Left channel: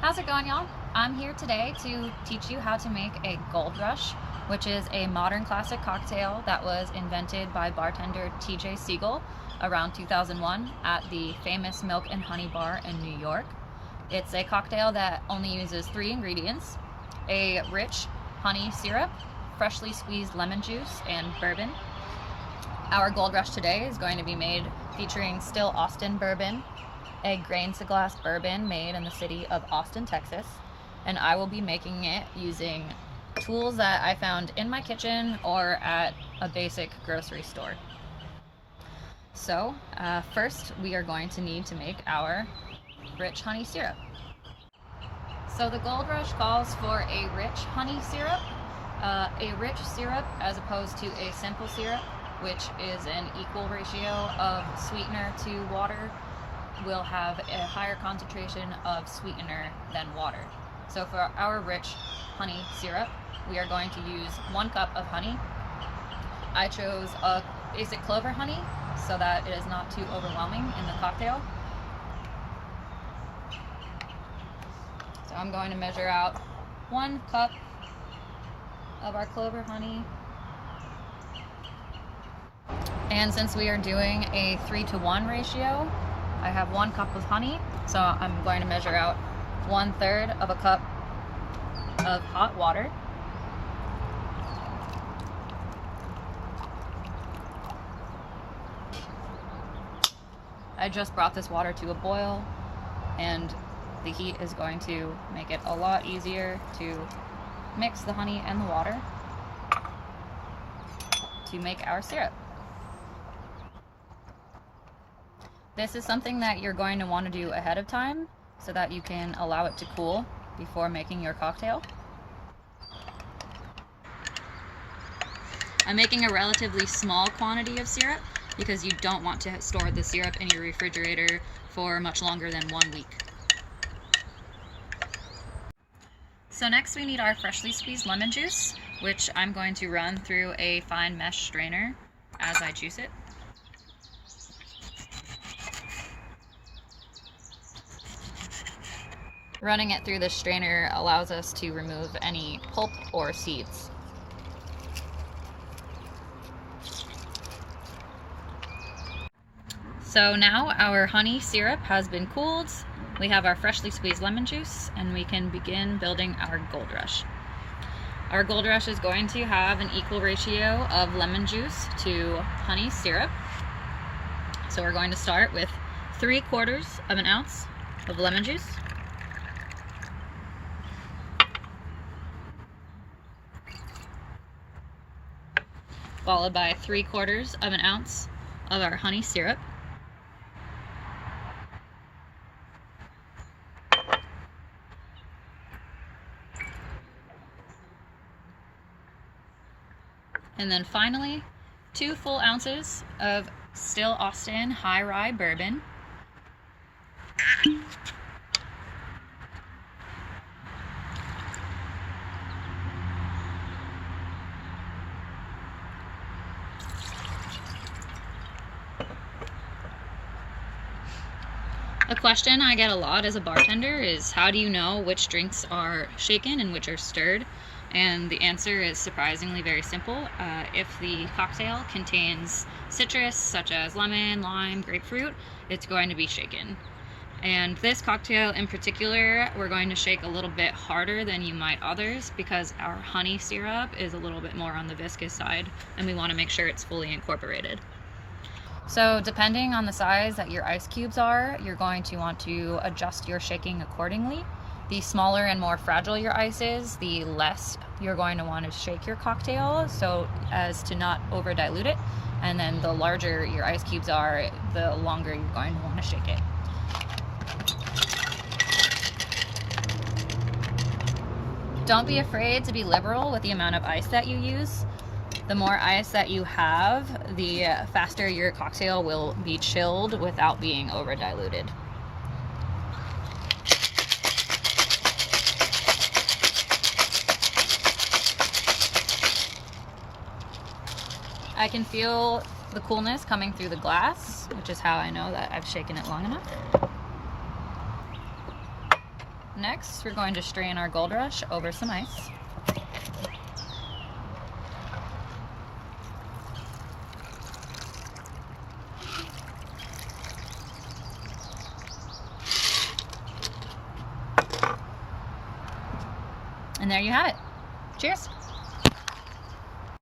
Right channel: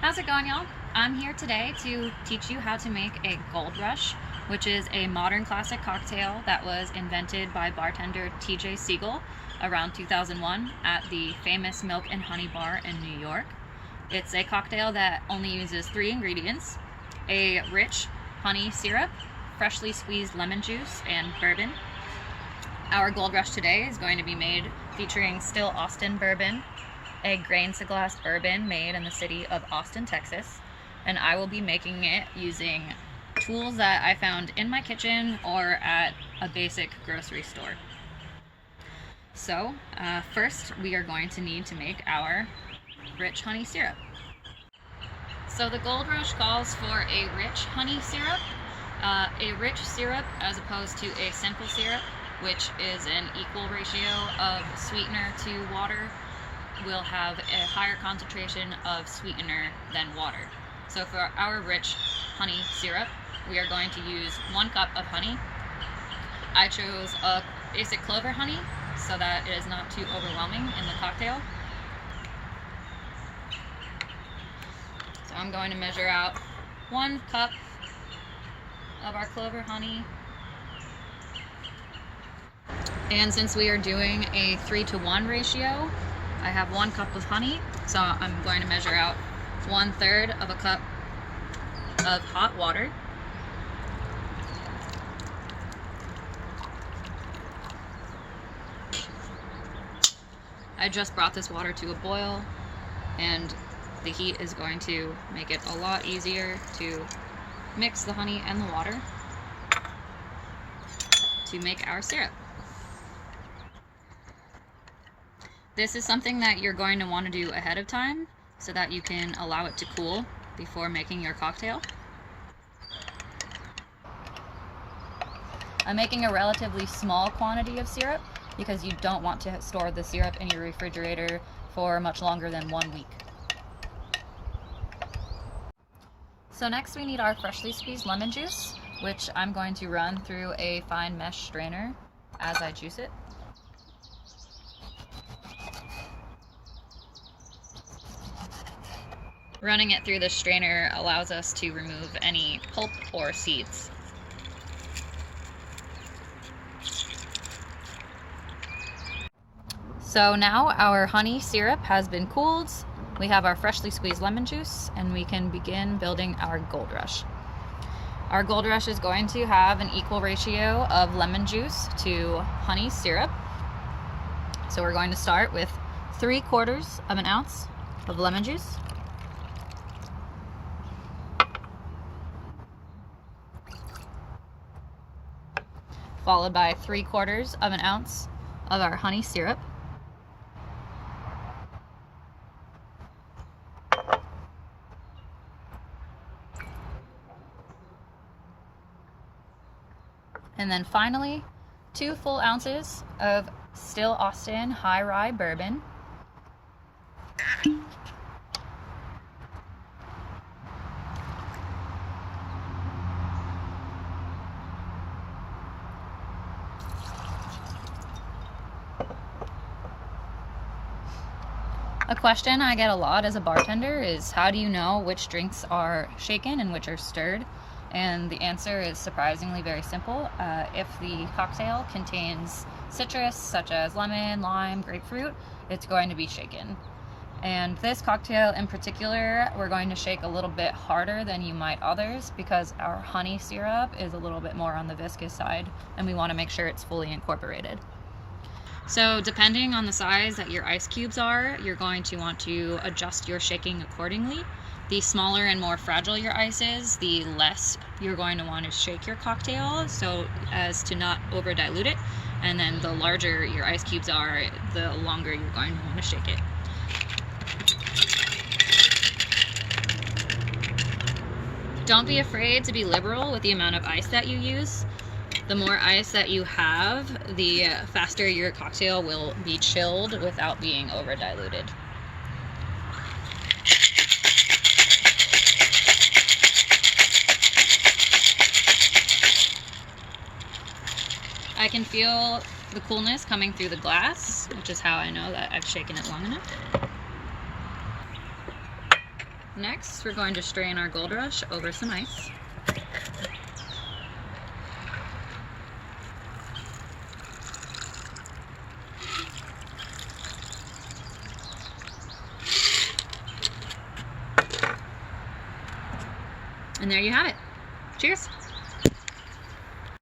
How's it going, y'all? I'm here today to teach you how to make a Gold Rush, which is a modern classic cocktail that was invented by bartender TJ Siegel around 2001 at the famous Milk and Honey Bar in New York. It's a cocktail that only uses 3 ingredients: a rich honey syrup, freshly squeezed lemon juice, and bourbon. Our Gold Rush today is going to be made featuring still Austin bourbon, a grain-to-glass bourbon made in the city of Austin, Texas, and I will be making it using tools that I found in my kitchen or at a basic grocery store. So first we are going to need to make our rich honey syrup. So the Gold Rush calls for a rich honey syrup. A rich syrup, as opposed to a simple syrup, which is an equal ratio of sweetener to water, will have a higher concentration of sweetener than water. So for our rich honey syrup, we are going to use 1 cup of honey. I chose a basic clover honey so that it is not too overwhelming in the cocktail. So I'm going to measure out 1 cup of our clover honey. And since we are doing a 3-to-1 ratio, I have 1 cup of honey, so I'm going to measure out 1/3 of a cup of hot water. I just brought this water to a boil, and the heat is going to make it a lot easier to mix the honey and the water to make our syrup. This is something that you're going to want to do ahead of time so that you can allow it to cool before making your cocktail. I'm making a relatively small quantity of syrup because you don't want to store the syrup in your refrigerator for much longer than 1 week. So next we need our freshly squeezed lemon juice, which I'm going to run through a fine mesh strainer as I juice it. Running it through the strainer allows us to remove any pulp or seeds. So now our honey syrup has been cooled, we have our freshly squeezed lemon juice, and we can begin building our Gold Rush. Our Gold Rush is going to have an equal ratio of lemon juice to honey syrup. So we're going to start with 3/4 of an ounce of lemon juice. Followed by 3/4 of an ounce of our honey syrup. And then finally, 2 full ounces of still Austin high rye bourbon. A question I get a lot as a bartender is, how do you know which drinks are shaken and which are stirred? And the answer is surprisingly very simple. If the cocktail contains citrus such as lemon, lime, grapefruit, it's going to be shaken. And this cocktail in particular, we're going to shake a little bit harder than you might others because our honey syrup is a little bit more on the viscous side, and we want to make sure it's fully incorporated. So depending on the size that your ice cubes are, you're going to want to adjust your shaking accordingly. The smaller and more fragile your ice is, the less you're going to want to shake your cocktail so as to not over dilute it. And then the larger your ice cubes are, the longer you're going to want to shake it. Don't be afraid to be liberal with the amount of ice that you use. The more ice that you have, the faster your cocktail will be chilled without being over diluted. I can feel the coolness coming through the glass, which is how I know that I've shaken it long enough. Next, we're going to strain our Gold Rush over some ice. And there you have it. Cheers!